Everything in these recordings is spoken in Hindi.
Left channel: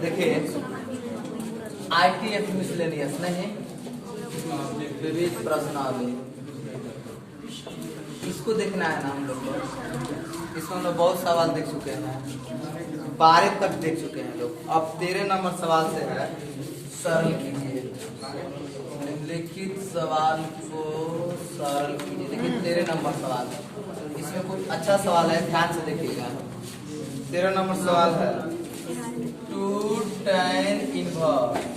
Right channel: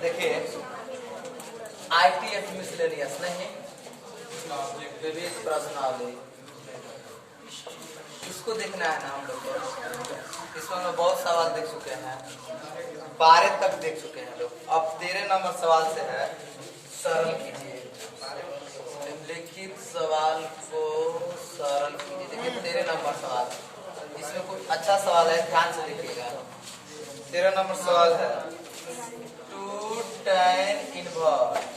देखिए ITF मिसलेनियस नहीं विविध प्रश्नावली, इसको देखना है ना हम लोग को। इसमें हम लोग बहुत सवाल देख चुके हैं, 12 तक देख चुके हैं लोग। अब 13 नंबर सवाल से है, सरल कीजिए। निम्नलिखित सवाल को सरल कीजिए। देखिए 13 नंबर सवाल, इसमें कुछ अच्छा सवाल है, ध्यान से देखिएगा। 13 नंबर सवाल है 2 tan इनवर्स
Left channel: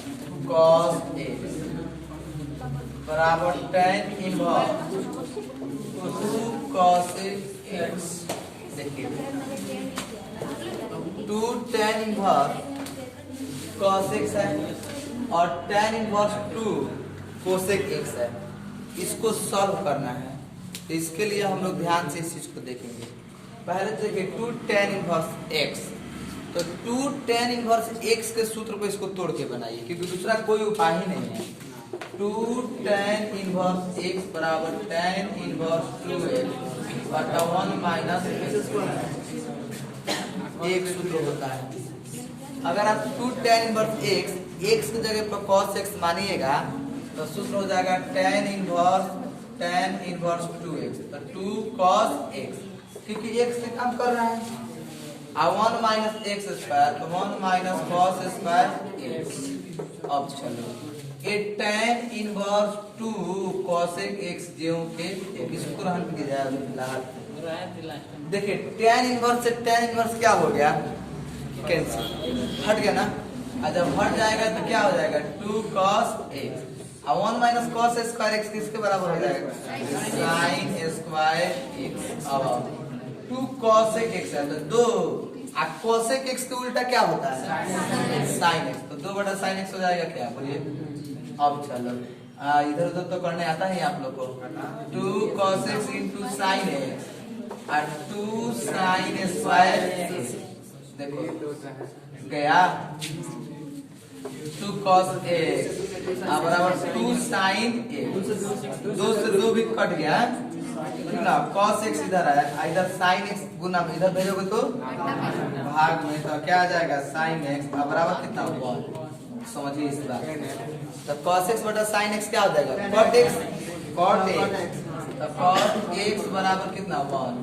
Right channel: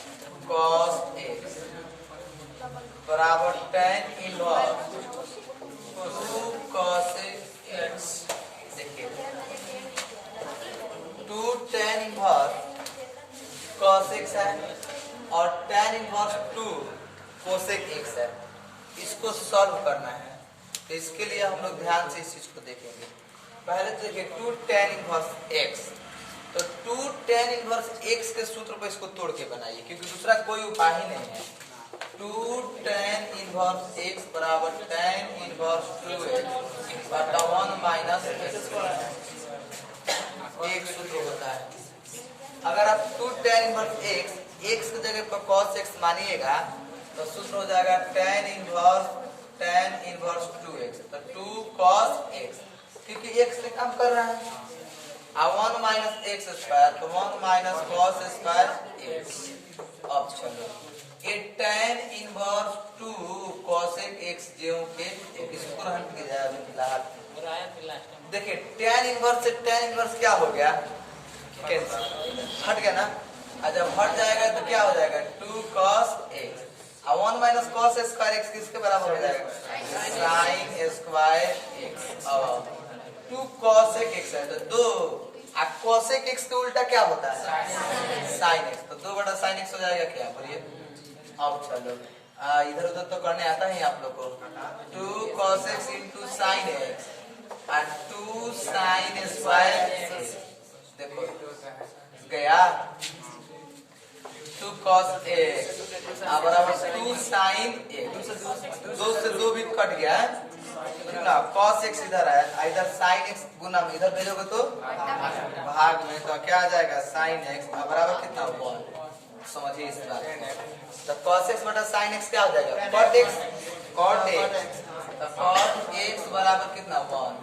cos x बराबर tan इनवर्स 2 cos x। देखिए 2 tan इनवर्स cos x है और tan इनवर्स 2 cosec x है। इसको सॉल्व करना है, तो इसके लिए हम लोग ध्यान से इस चीज को देखेंगे। पहले तो देखिए 2 tan इनवर्स x, तो 2 tan इनवर्स x के सूत्र को इसको तोड़ के बनाइए, क्योंकि दूसरा कोई उपाय ही नहीं है। 2 tan इनवर्स x बराबर tan इनवर्स 2x बटा 1 माइनस एक सूत्र होता है। अगर आप 2 tan इनवर्स x की जगह पर cos x मानिएगा तो सूत्र हो जाएगा tan इनवर्स 2x, तो 2 cos x, क्योंकि x से कम कर रहा है। 1 माइनस एक्स स्क्वायर, तो 1 माइनस कॉस स्क्वायर x। अब चलो ये tan इनवर्स 2 cosec x जो के इसको रहन के जाए अभी फिलहाल। देखिए tan इनवर्स से tan इनवर्स क्या हो गया, कैंसिल, हट गया ना। और जब हट जाएगा तो क्या हो जाएगा 2 cos x, और 1 माइनस कॉस स्क्वायर x किसके बराबर हो जाएगा sin स्क्वायर x। अब 2 cosec x है तो 2, cosec x के उल्टा क्या होता है sin x, तो 2 बटा sin x हो जाएगा क्या, बोलिए। अब चलो इधर उधर तो करने आता है आप लोग को। 2 cos x into sin x और 2 sin स्क्वायर x, देखो गया 2 cos x बराबर 2 sin x, 2 से 2 भी कट गया ना। cos x इधर है, इधर sin x गुना में इधर भेजोगे तो भाग में, तो क्या आ जाएगा sin x बराबर कितना 1। समझिए इस बात। तो cos x बटा sin x क्या हो जाएगा cot x, तो cot x बराबर कितना 1,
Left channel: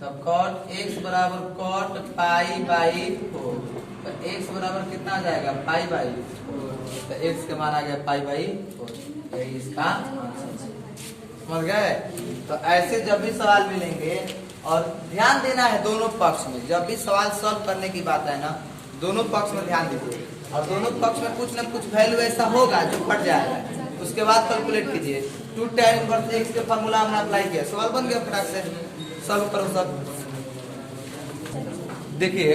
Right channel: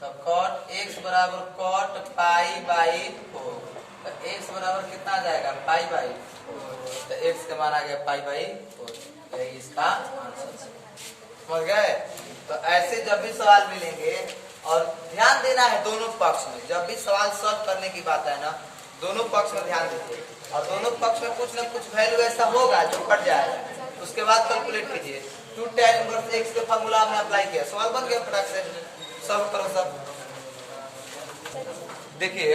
तो cot x बराबर cot पाई बाई 4, तो x बराबर कितना आ जाएगा पाई बाई 4, तो x का मान आ गया पाई बाई 4। यही इसका आंसर है, समझ गए। तो ऐसे जब भी सवाल मिलेंगे, और ध्यान देना है दोनों पक्ष में, जब भी सवाल सॉल्व करने की बात है ना, दोनों पक्ष में ध्यान दीजिए, और दोनों पक्ष में कुछ न कुछ वैल्यू ऐसा होगा जो कट जाएगा, उसके बाद कैलकुलेट कीजिए। 2 tan इनवर्स x के फार्मूला में अप्लाई किया, सवाल बन गया फटाक से, सब करो सब। देखिए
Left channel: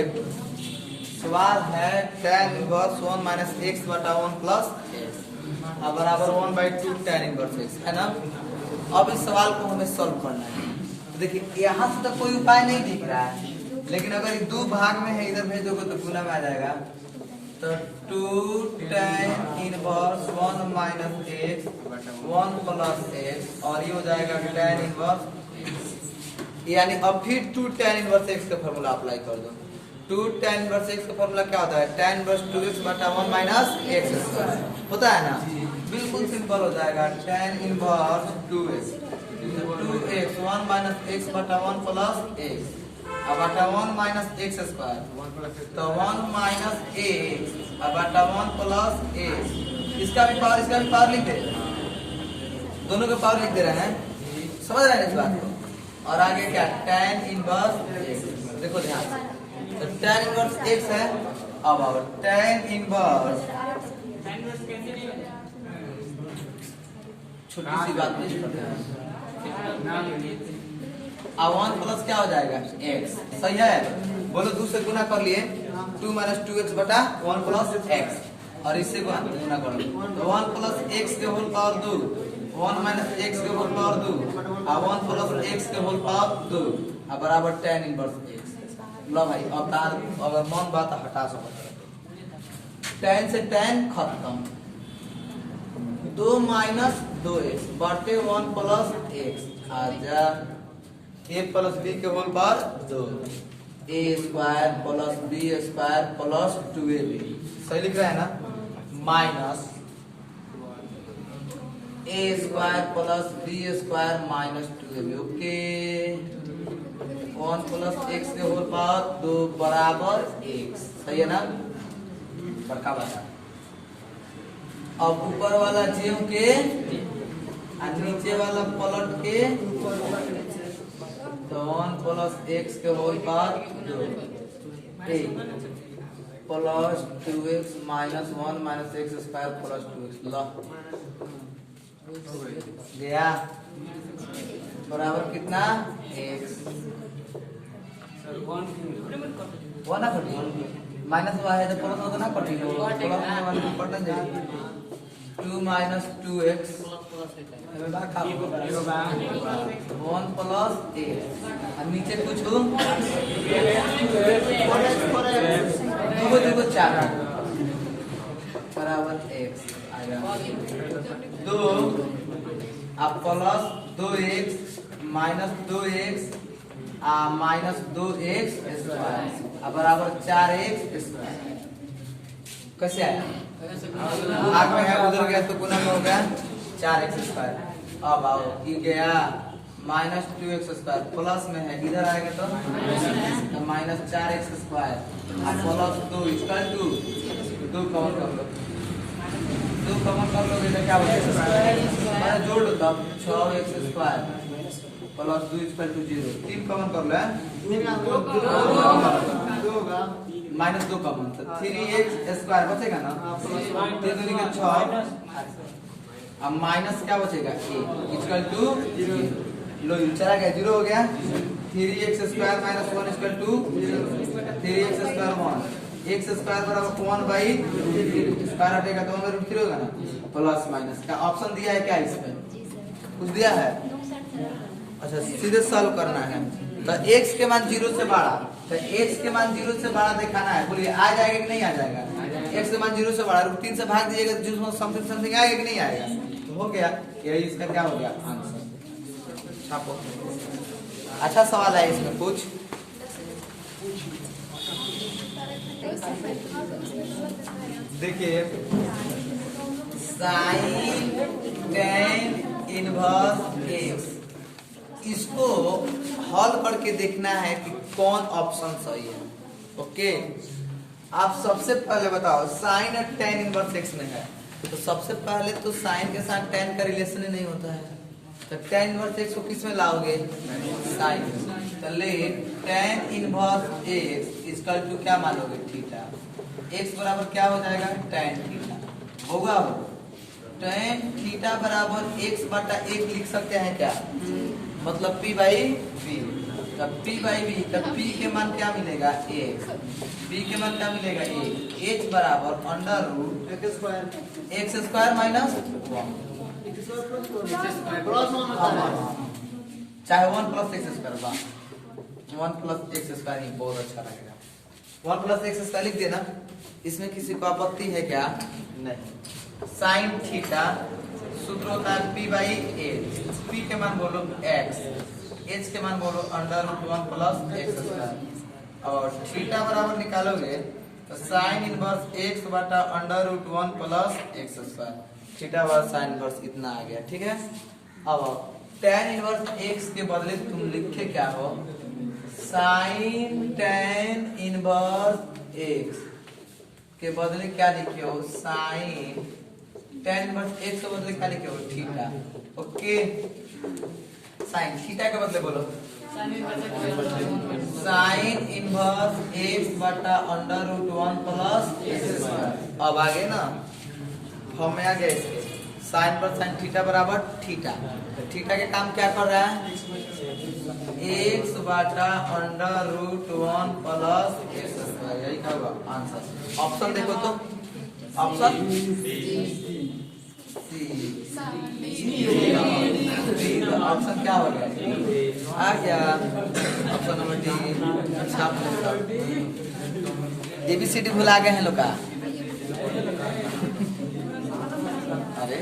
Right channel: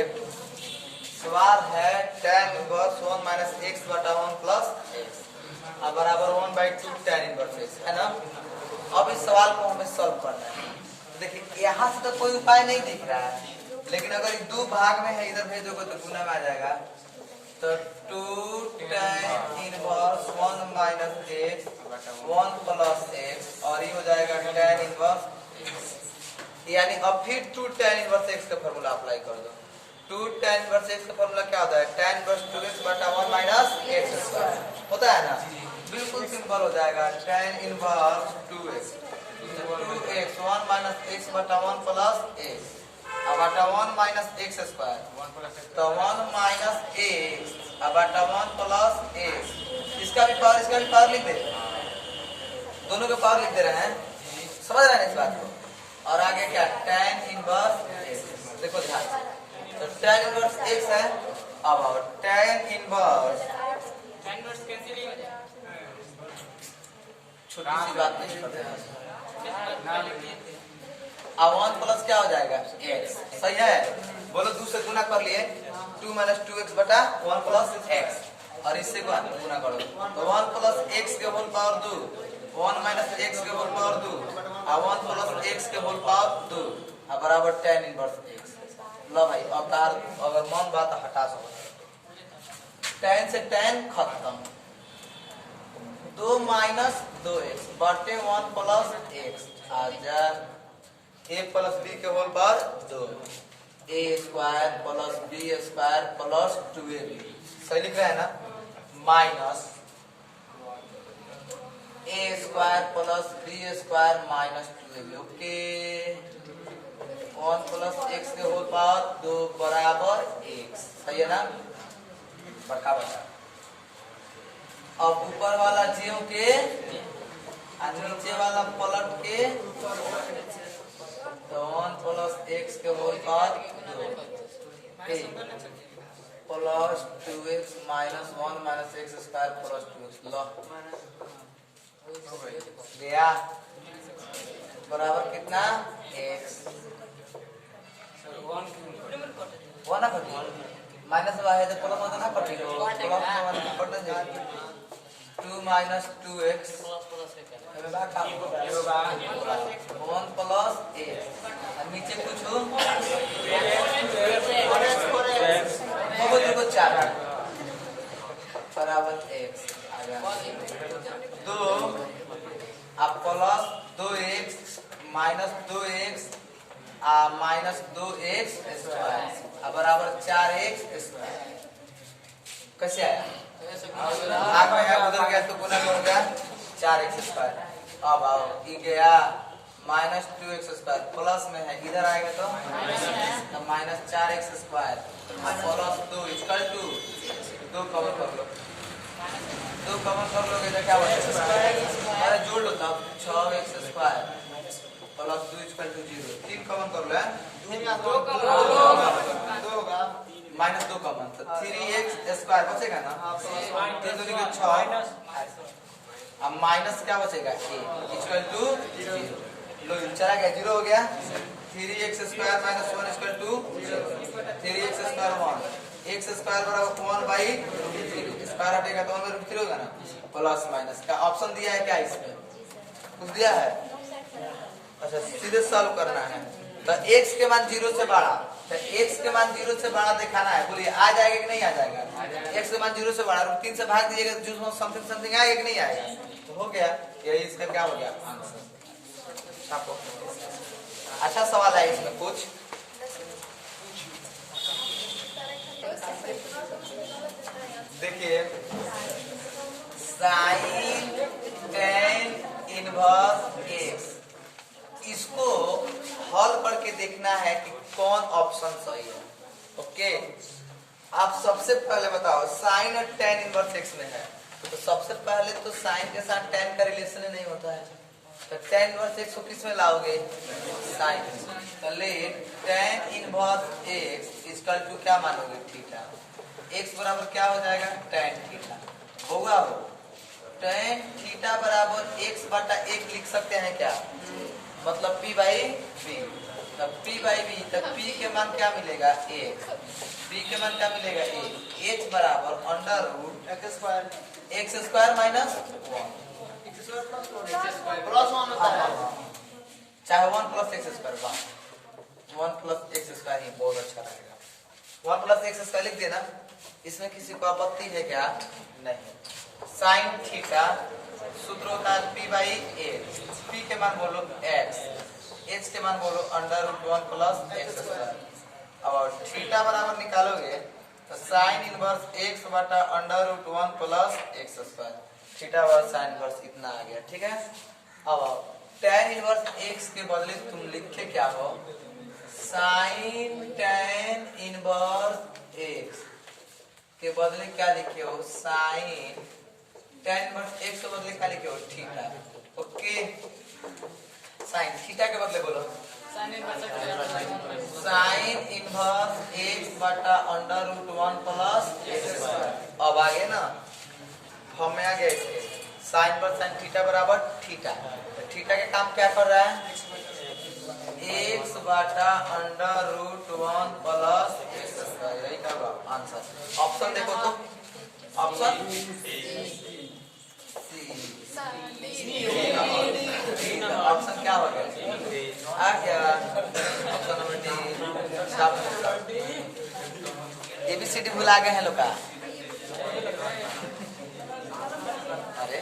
सवाल है tan इनवर्स 1 माइनस x बटा 1 प्लस x बराबर 1/2 tan इनवर्स x, है ना। अब इस सवाल को हमें सॉल्व करना है। तो देखिए यहाँ से तो कोई उपाय नहीं दिख रहा है, लेकिन अगर ये 2 भाग में है, इधर भेजोगे तो गुना में आ जाएगा। तो 2 tan inverse 1 minus x 1 plus x, और ये हो जाएगा tan इनवर्स, यानी अब फिर 2 tan इनवर्स x का फॉर्मूला अप्लाई कर दो। 2 tan इनवर्स x का फॉर्मूला क्या होता है tan इनवर्स 2x बटा 1 माइनस x स्क्वायर होता है ना, बिल्कुल सिंपल हो जाएगा। tan inverse 2x 1 minus x बटा 1 प्लस x बटा 1 माइनस x स्क्वायर, तो 1 माइनस x बटा 1 प्लस x, इसका भी पावर लिख दे, दोनों का पावर लिख दे रहे हैं, समझ रहे हैं इस बात को। और आगे क्या tan इनवर्स x, देखो ध्यान से, तो tan इनवर्स x है। अब आओ tan इनवर्स, छोटी सी बात नहीं करते हैं, अब 1 प्लस क्या हो जाएगा x, सही है, बोलो 2 से गुना कर लिए, 2 माइनस 2x बटा 1 प्लस x, और इससे गुना करो, तो 1 प्लस x के होल पावर 2, 1 माइनस x के होल पावर 2, और 1 प्लस x के होल पावर 2 बराबर tan इनवर्स x। लो भाई अवतार अगर मन बात हटा सको, tan से tan खत्म, 2 माइनस 2x बटे 1 प्लस x, आजा a प्लस b के whole power 2, A square plus B square plus 2ab, सही लिख रहा है ना, minus A square plus B square minus 2ab। Okay, 1 plus x के होल पावर 2 बराबर एक्स, सही है ना, बड़का बता। अब ऊपर वाला ज्यों के और नीचे वाला पलट के, तो 1 प्लस एक्स के whole power 2 plus 2x minus 1 minus x square plus 2x, लो गया बराबर कितना x, 1 ना कटी माइनस है तो प्लस में तो ना कटी हो, प्लस में कटन जाएगी 2 माइनस 2x 1 प्लस एक्स और नीचे कुछ हो 2 4 बराबर एक्स आ गया 2 अब plus 2x minus 2x minus 2x square बराबर 4x स्क्वायर। कैसे आया, आग में है उधर गया तो गुना हो गया 4x स्क्वायर। अब आओ ये गया माइनस 2x स्क्वायर, प्लस में है इधर आएगा तो minus 4x square plus 2 equal to 2 common कर लो, 2 कॉमन कर लोगे तो क्या बचेगा, अरे जोड़ लो तब 6x square plus 2 equal to 0, 3 common कर लो, माइनस 2 कॉमन तो 3x स्क्वायर बचेगा ना, 3 दूनी के 6 अब माइनस क्या बचेगा a इक्वल टू 0, लो चला गया 0 हो गया, 3x square minus 1 equal to 3x square 1, x square बराबर 1 बाई स्क्वायर हटेगा तो 1/3 होगा ना, प्लस माइनस का ऑप्शन दिया है क्या इसमें, कुछ दिया है, अच्छा सीधे सॉल्व करना है। तो x के मान 0 से बड़ा, तो x के मान 0 से बड़ा दिखाना है, बोलिए आ जाएगा कि नहीं आ जाएगा, x के मान 0 से बड़ा 3 से भाग दीजिएगा जो समथिंग समथिंग आएगा कि नहीं आएगा, तो हो गया, यही इसका क्या हो गया आंसर। अच्छा सवाल है इसमें कुछ, देखिए साइन टेन इनवर्स एक्स, इसको हल करके देखना है कि कौन ऑप्शन सही है। ओके, आप सबसे पहले बताओ साइन और टेन इनवर्स एक्स में है, तो सबसे पहले तो साइन के साथ टेन का रिलेशन ही नहीं होता है, तो टेन इनवर्स एक्स को किस में लाओगे, साइन में, तो ले टेन इनवर्स एक्स इसका टू क्या मानोगे, थीटा, एक्स बराबर क्या हो जाएगा, टेन थीटा होगा, टेन थीटा बराबर एक्स बटा 1 लिख सकते हैं क्या, मतलब p बाई बी, तब p बाई बी, तब p के मान क्या मिलेगा a, b के मान क्या मिलेगा a, h बराबर under root x square minus 1 चाहे 1 plus x square, 1 plus x square ही बहुत अच्छा लगेगा, 1 प्लस एक्स स्क्वायर लिख देना, इसमें किसी को आपत्ति है क्या, नहीं। साइन थीटा सूत्र होता है p बाई a, p के मान बोलो x, h के मान बोलो under root 1 plus x square, और थीटा बराबर निकालोगे तो साइन इनवर्स x बटा under root 1 plus x square, theta बराबर साइन इनवर्स इतना आ गया, ठीक है। अब tan इनवर्स x के बदले तुम लिखे क्या हो, साइन tan इनवर्स x के बदले क्या लिखे हो, साइन tan इनवर्स x के बदले क्या लिखे हो, थीटा। ओके, साइन थीटा के बदले बोलो साइन इनवर्स x बटा under root 1 plus x square. अब आगे ना हम में आ गए इसके साइन पर साइन थीटा बराबर थीटा, तो थीटा के काम क्या कर रहा है, x बटा under root 1 plus x square, यही क्या होगा आंसर। ऑप्शन देखो तो, ऑप्शन ऑप्शन क्या हो गया, आ गया ऑप्शन नंबर डी। एबीसीडी भुला गए हैं लोग का, अरे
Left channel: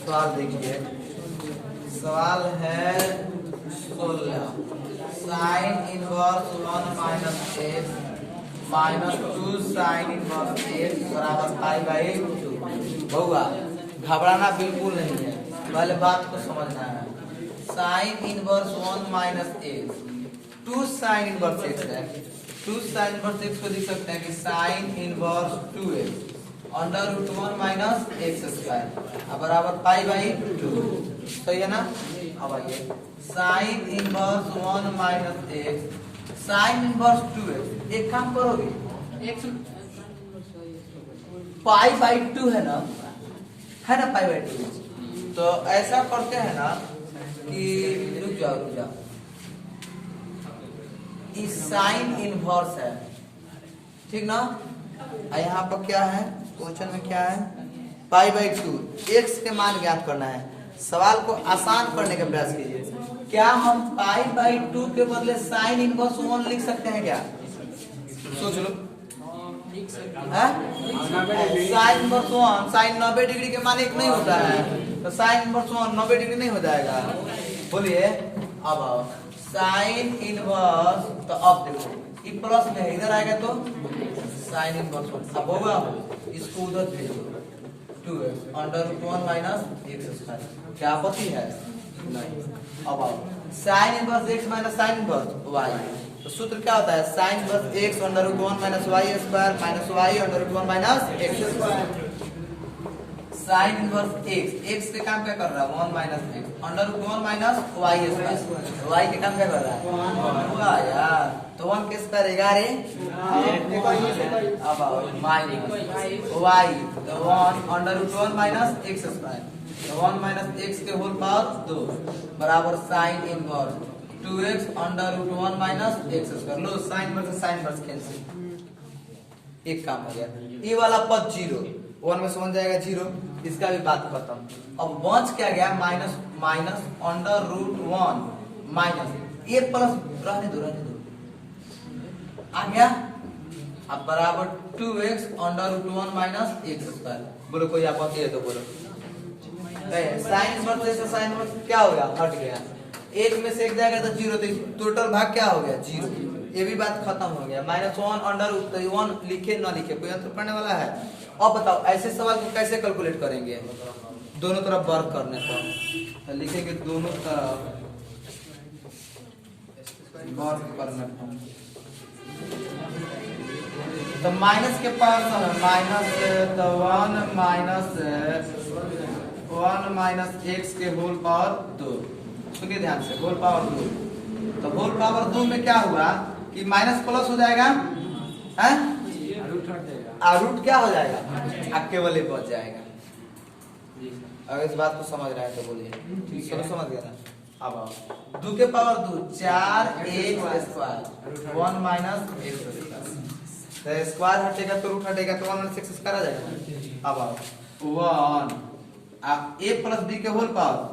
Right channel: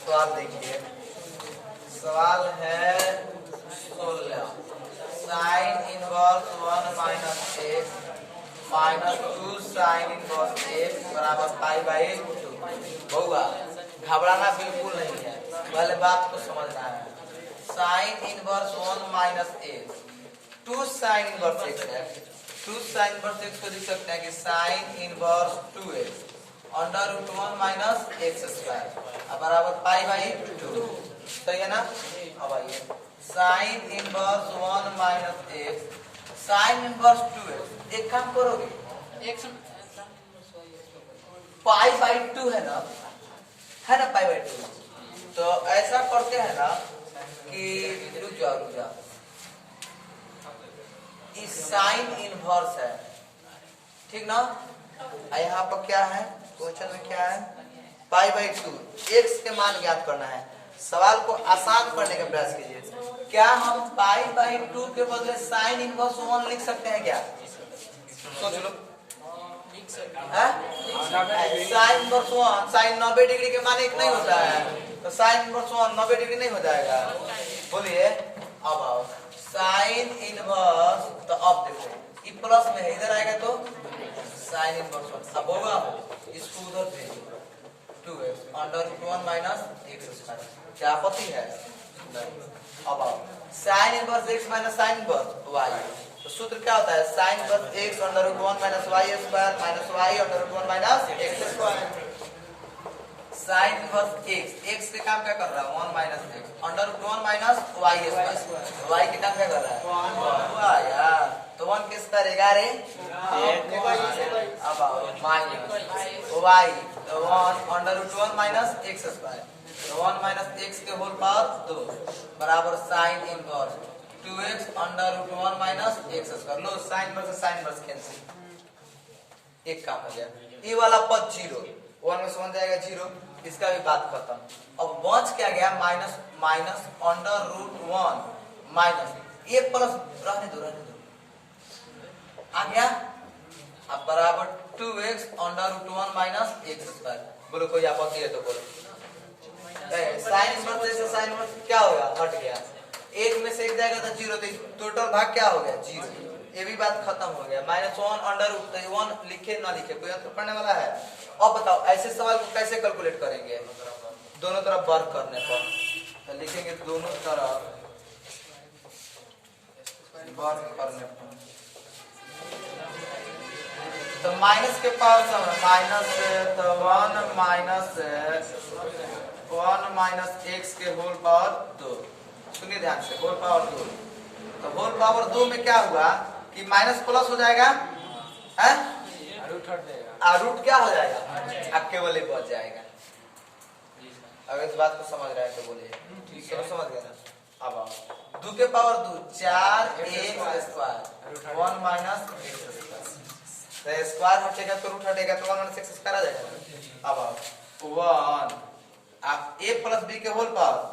सवाल देखिए, सवाल है 16 sign inverse 1 minus x minus 2 sine inverse x बराबर पाई बाई 2। होगा, घबराना बिल्कुल नहीं है, पहले बात को समझना है। Sine inverse 1 minus x 2 sine inverse x है, 2 साइन इनवर्स एक्स को लिख सकते हैं कि sine inverse 2x under root 1 minus x square बराबर पाई बाई 2। सही है ना। अब आइए sine inverse 1 minus x sine inverse 2x, एक काम करोगे पाई बाई 2 है ना पाई बाई 2। तो ऐसा करते हैं ना कि रुक जाओ, इस साइन इनवर्स है, ठीक ना। यहाँ पर क्या है, क्वेश्चन में क्या है, पाई बाई 2 एक्स के मान ज्ञात करना है। सवाल को आसान करने का प्रयास कीजिए। क्या हम पाई बाई 2 के बदले साइन इनवर्स 1 लिख सकते हैं क्या? सोच लो। साइन इनवर्स 1 साइन 90 डिग्री के मान एक नहीं होता है, तो साइन इनवर्स 1 90 डिग्री नहीं हो जाएगा। बोलिए अब आओ साइन इनवर्स, तो अब देखो ये प्लस में है, इधर आएगा तो साइन इनवर्स 1। अब होगा इसको उधर भेजो 2x under root 1 minus x square, क्या आपत्ति है? अब आओ sine inverse x minus sine inverse y, तो सूत्र क्या होता है, sine inverse x under root 1 minus y square minus y under root 1 minus x square. Sine inverse x के काम क्या कर रहा है 1 minus x under root 1 minus y square, y के काम क्या कर रहा है 1 यार, तो 1 के स्क्वायर 11। अब आओ माइनस y, तो 1 under root 1 minus x square, तो 1 माइनस x के होल पावर 2 बराबर sine inverse 2x under root 1 minus x square. लो sine inverse sine inverse cancel, एक काम हो गया। ये वाला पद 0 1 में से 1 जाएगा 0, इसका भी बात खत्म। अब बच क्या गया minus minus under root 1 minus ये प्लस रहने दो आ गया, अब बराबर 2x under root 1 minus x square. बोलो कोई आपत्ति है तो बोलो। साइन इनवर्स से साइन इनवर्स क्या हो गया, हट गया, एक में से एक जाएगा तो 0, तो टोटल भाग क्या हो गया 0। ये भी बात खत्म हो गया। माइनस 1 अंडर रूट, तो 1 लिखे ना लिखे कोई अंतर पड़ने वाला है। अब बताओ ऐसे सवाल को कैसे कैलकुलेट करेंगे, दोनों तरफ वर्क करने पर, तो लिखेंगे दोनों तरफ वर्क करने पर, तो माइनस के पास माइनस, तो 1 माइनस एक्स के होल पावर 2, सुनिए ध्यान से, होल पावर 2, तो होल पावर 2 में क्या हुआ कि माइनस प्लस हो जाएगा है, रूट क्या हो जाएगा, केवल एक बच जाएगा। अगर इस बात को समझ रहे हैं तो बोलिए, चलो समझ गया ना। अब 2 के power 2 4 x square 1 minus x square, तो स्क्वायर हटेगा तो रूट हटेगा, तो 1 माइनस एक्स स्क्वायर आ जाएगा। अब आओ 1 a प्लस बी के whole power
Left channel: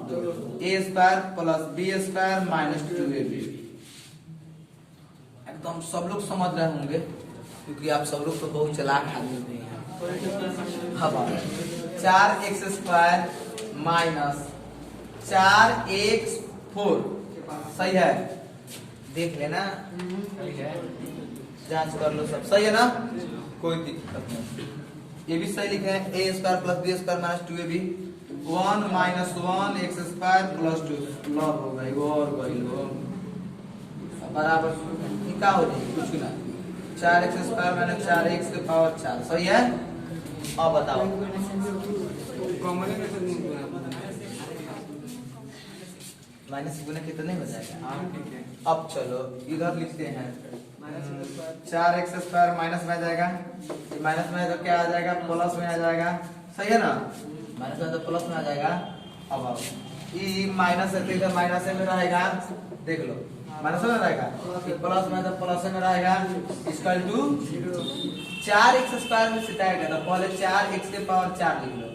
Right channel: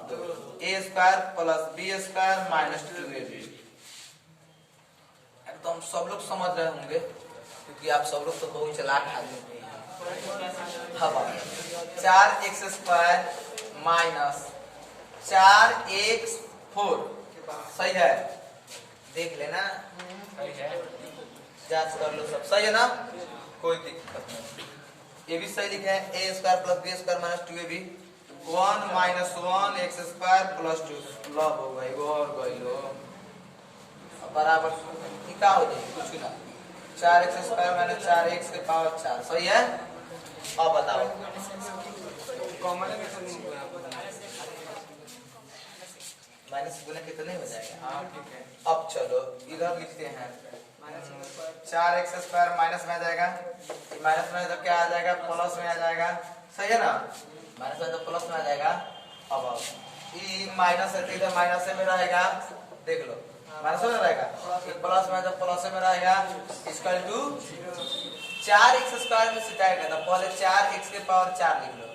a square plus B square minus 2ab। एकदम सब लोग समझ रहे होंगे क्योंकि आप सब लोग तो बहुत चालाक आदमी हैं। अब 4x स्क्वायर माइनस 4x4, सही है, देख लेना, जांच कर लो, सब सही है ना, कोई दिक्कत नहीं। ये भी सही लिखा है, a square plus B square minus 2ab 1 minus 1 x square plus 2 log हो गई और गई लो बराबर क्या हो जाएगी कुछ ना 4x स्क्वायर माइनस 4x के पावर 4, सही है। अब बताओ माइनस गुना कितना हो जाएगा। अब चलो इधर लिखते हैं 4x स्क्वायर माइनस में आ जाएगा, माइनस में तो क्या आ जाएगा प्लस में आ जाएगा, सही है ना, माइनस में तो प्लस में आ जाएगा। अब आओ ये माइनस है तो इधर माइनस में रहेगा, देख लो माइनस में रहेगा, प्लस में तो प्लस में रहेगा, इसका 4x स्क्वायर में से जाएगा तो पहले 4x के पावर 4 लिख लो,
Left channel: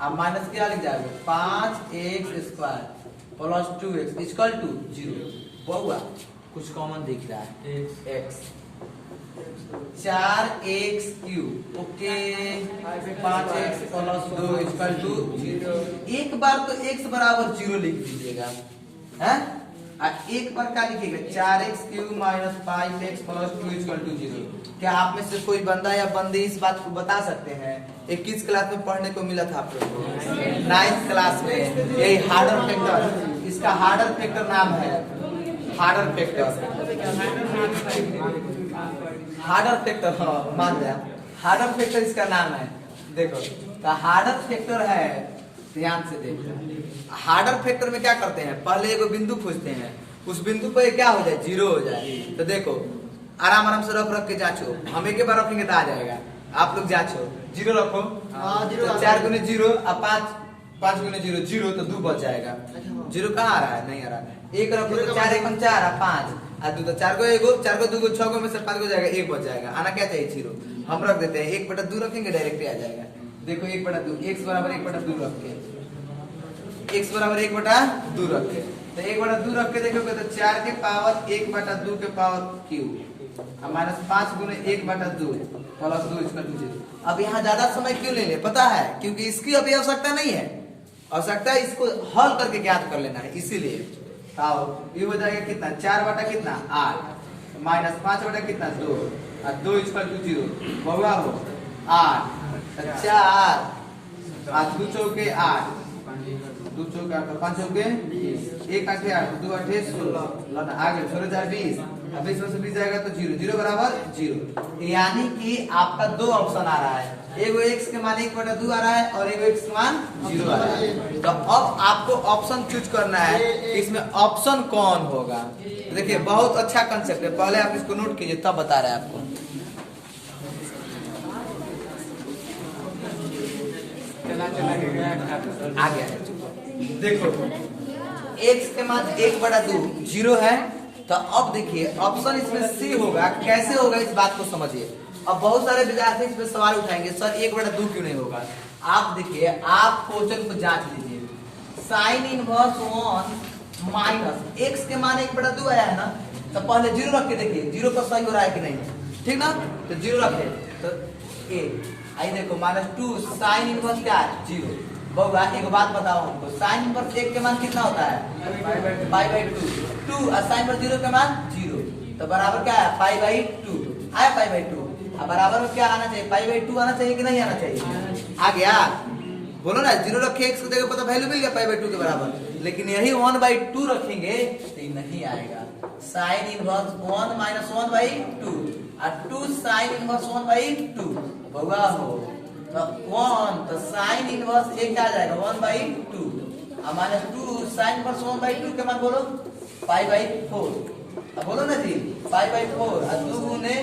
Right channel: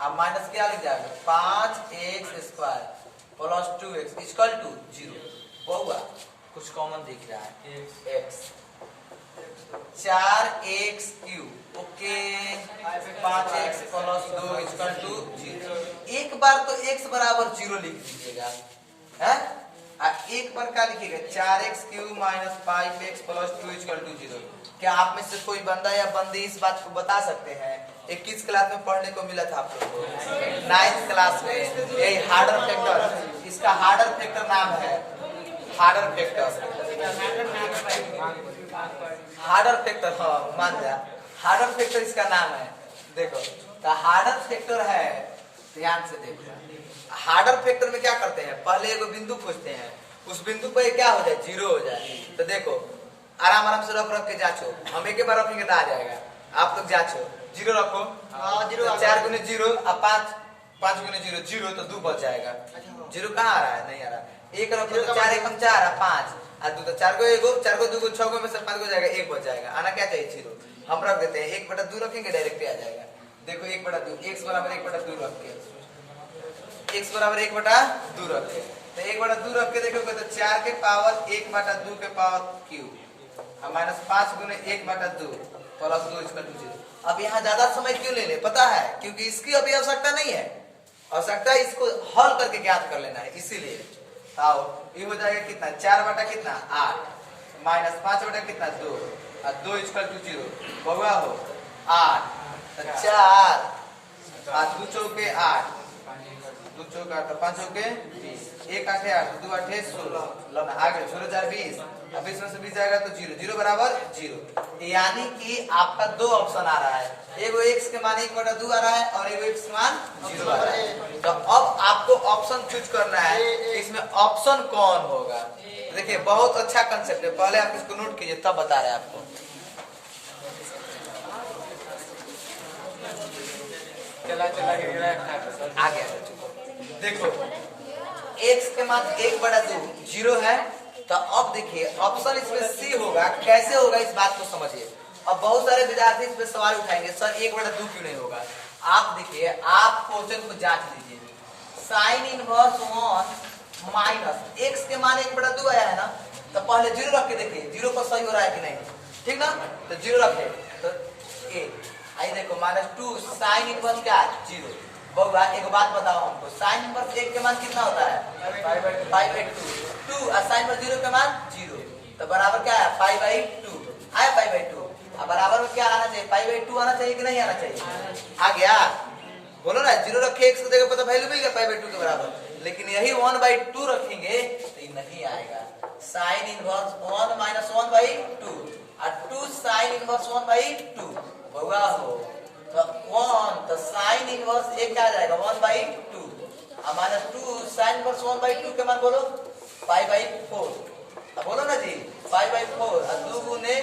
अब माइनस क्या लिख जाएगा 5x square plus 2x equal to 0। बहुआ कुछ कॉमन दिख रहा है x, 4x3 okay 5x plus 2 equal to 0। एक बार तो x बराबर 0 लिख दीजिएगा, है? एक बार क्या लिखिएगा 4x3 minus 5x plus 2 equal to 0। क्या आप में से कोई बंदा या बंदी इस बात को बता सकते हैं? एक किस क्लास में पढ़ने को मिला था आप लोग को? 9th क्लास में। यही हार्डर फैक्टर, इसका हार्डर फैक्टर नाम है हार्डर फैक्टर। हार्डर फैक्टर, हाँ मान जा, हार्डर फैक्टर इसका नाम है। देखो तो हार्डर फैक्टर है, ध्यान से देखो। हार्डर फैक्टर में क्या करते हैं, पहले एक बिंदु खोजते हैं, उस बिंदु पर क्या हो जाए 0 हो जाए। तो देखो आराम आराम से रख के जांचो, हम एक बार रखेंगे तो आ जाएगा। आप लोग जांचो 0 रखो, तो 4 गुने 0 और 5 गुने 0 0, तो 2 बच जाएगा। 0 कहाँ आ रहा है? नहीं आ रहा है। 1 रखो तो 4 1 4 और 5 और 2 तो 4 को 1 4 को 2 को 6 को में से 5 को जाएगा, 1 बच जाएगा। आना क्या चाहिए 0। हम रख देते हैं 1/2 रखेंगे, डायरेक्ट आ जाएगा। देखो 1/2 x बराबर 1/2 रख के, x बराबर 1/2 रख के, तो 1/2 रख के देखोगे तो 4 के पावर 1/2 के पावर क्यूब माइनस 5 गुने 1/2 प्लस 2 इक्वल टू 0। अब यहाँ ज्यादा समय क्यों ले ले पता है? क्योंकि इसकी अभी आवश्यकता नहीं है, आवश्यकता है इसको हल करके ज्ञात कर लेना है, इसीलिए। आओ ये हो जाएगा कितना 4 कितना 8 माइनस 5 कितना 2 और 2 इक्वल टू 0 बहुआ हो 8 4 और 2 चौके 8 2 चौका तो 5 चौके 1 8 8 2 8 16 लना आगे 0 4 20 अब 20 में से 20 जाएगा तो 0 0 बराबर 0। यानी कि आपका 2 ऑप्शन आ रहा है, एगो x के मान 1/2 आ रहा है और एगो x के मान 0 आ रहा है। तो अब आपको ऑप्शन चूज करना है, इसमें ऑप्शन कौन होगा। देखिए बहुत अच्छा कंसेप्ट है, पहले आप इसको नोट कीजिए तब बता रहे हैं आपको। आ गया है, देखो x के मान 1/2 0 है, तो अब देखिए ऑप्शन इसमें सी होगा। कैसे होगा इस बात को समझिए। अब बहुत सारे विद्यार्थी इस पे सवाल उठाएंगे, सर 1/2 क्यों नहीं होगा। आप देखिए, आप क्वेश्चन को जांच लीजिए, साइन इनवर्स 1 माइनस x के मान 1/2 आया है ना, तो पहले 0 रख के देखिए 0 पर सही हो रहा है कि नहीं, ठीक ना। तो 0 रखे तो आई देखो -2 साइन इनवर्स क्या है 0। बहुआ एक बात बताओ हमको, साइन इनवर्स 1 के मान कितना होता है 5/2 2 और साइन इनवर्स 0 के मान 0, तो बराबर क्या है 5/2 आया 5/2। अब बराबर में क्या आना चाहिए 5/2 आना चाहिए कि नहीं आना चाहिए, आ गया। बोलो ना 0 रखे x को देखो पता वैल्यू मिल गया 5/2 के बराबर। लेकिन यही 1/2 रखेंगे तो ये नहीं आएगा। साइन इनवर्स 1 माइनस 1/2 और 2 साइन इनवर्स 1/2 बहुआ हो तो 1, तो साइन इनवर्स एक क्या आ जाएगा 1/2 और माइनस 2 साइन इनवर्स 1/2 के मान बोलो 5/4। अब बोलो ना जी 5/4 और 2 गुने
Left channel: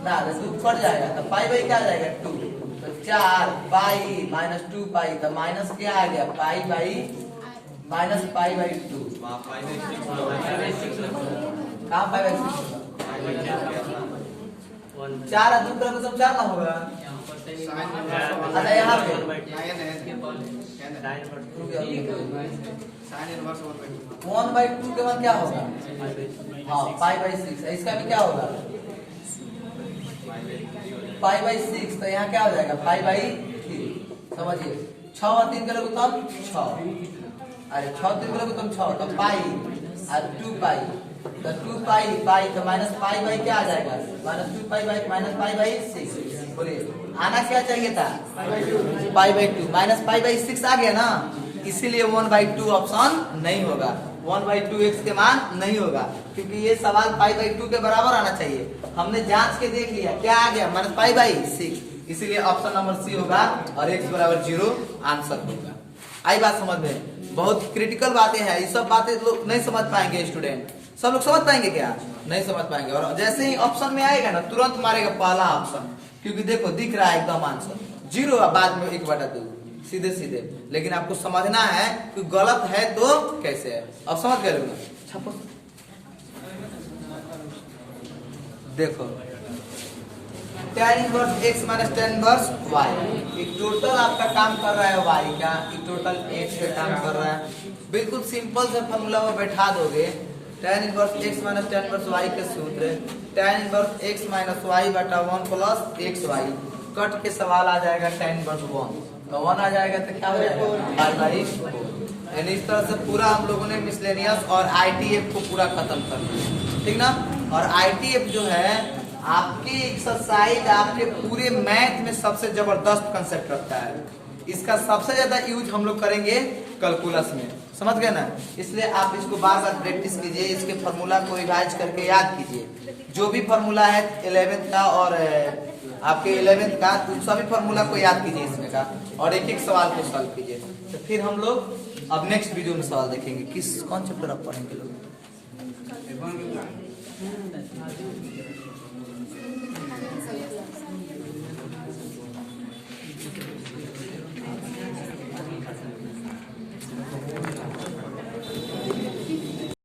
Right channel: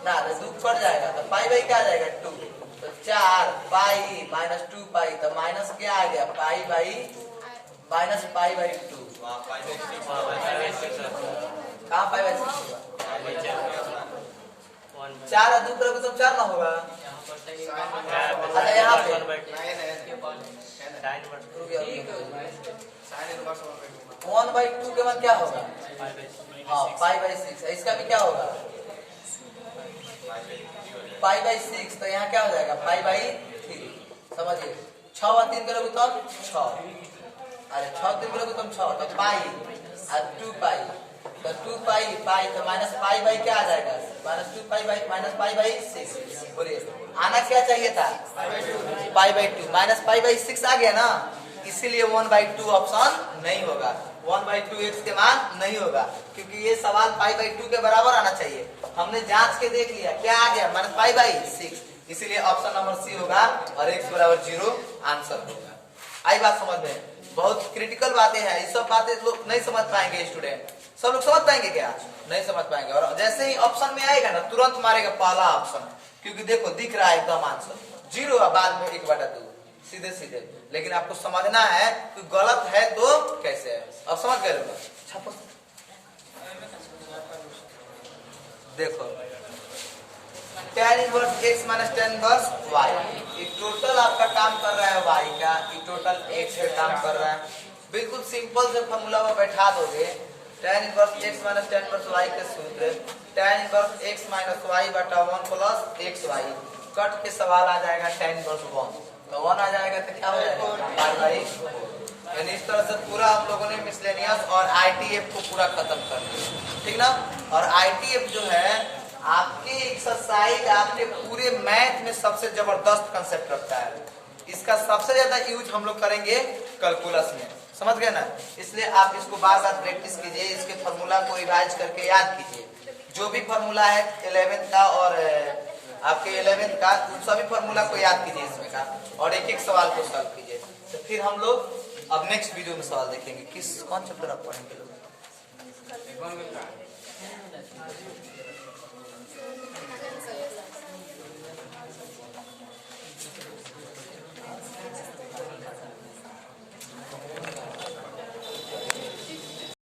ना 2 कट जाएगा तो पाई क्या आ जाएगा 2, तो 4 पाई माइनस 2 पाई, तो माइनस क्या आ गया पाई माइनस पाई/2। कहाँ पाई/6 4 और 2 तरफ तो 4 ना होगा। अच्छा यहाँ पे 1/2 के बाद क्या होगा, हाँ पाई/6, इसका भी क्या होगा पाई/6, तो यहाँ क्या हो जाएगा पाई/3। समझिए 6 और 3 के लोग तब 6, अरे 6 3 के लोग तब 6, तो पाई और 2 पाई, तो 2 पाई तो माइनस पाई क्या आ जाएगा -2 पाई माइनस पाई/6। बोलिए आना क्या चाहिए था पाई/2 माइनस पाई/6 आ गया ना, इसीलिए 1/2 ऑप्शन नहीं होगा। 1/2 x के मान नहीं होगा, क्योंकि ये सवाल पाई/2 के बराबर आना चाहिए। हमने जांच के देख लिया क्या आ गया माइनस पाई/6, इसीलिए ऑप्शन नंबर सी होगा और x बराबर 0 आंसर होगा। आई बात समझ में? बहुत क्रिटिकल बातें हैं, ये सब बातें लोग नहीं समझ पाएंगे। स्टूडेंट सब लोग समझ पाएंगे क्या? नहीं समझ पाएंगे। और जैसे ही ऑप्शन में आएगा ना तुरंत मारेगा पहला ऑप्शन, क्योंकि देखो दिख रहा है एकदम आंसर 0 और बाद में 1/2 सीधे सीधे। लेकिन आपको समझना है कि गलत है तो कैसे है। अब समझ गए लोग? देखो tan inverse x minus tan inverse y, ये टोटल आपका काम कर रहा है y का, ये टोटल x पे काम कर रहा है। बिल्कुल सिंपल से फॉर्मूला में बैठा दोगे tan inverse x minus tan inverse y के सूत्र tan inverse x minus y बटा 1 प्लस xy कट के सवाल आ जाएगा tan इनवर्स 1 तो 1 आ जाएगा तो क्या हो जाएगा पाई बाई 4। यानी इस तरह से पूरा हम लोगों ने मिसलेनियस और आईटीएफ को पूरा खत्म कर दिया, ठीक ना। और आईटीएफ जो है आपकी एक्सरसाइज आपके पूरे मैथ में सबसे जबरदस्त कंसेप्ट रखता है। इसका सबसे ज्यादा यूज हम लोग करेंगे कैलकुलस में, समझ गए ना। इसलिए आप इसको बार बार प्रैक्टिस कीजिए, इसके फार्मूला को रिवाइज करके याद कीजिए। जो भी फार्मूला है 11th का और आपके 11th का उन सभी फार्मूला को याद कीजिए इसमें का, और एक एक सवाल को सॉल्व कीजिए। तो फिर हम लोग अब नेक्स्ट वीडियो में सवाल देखेंगे। किस कौन चैप्टर आप पढ़ेंगे लोग।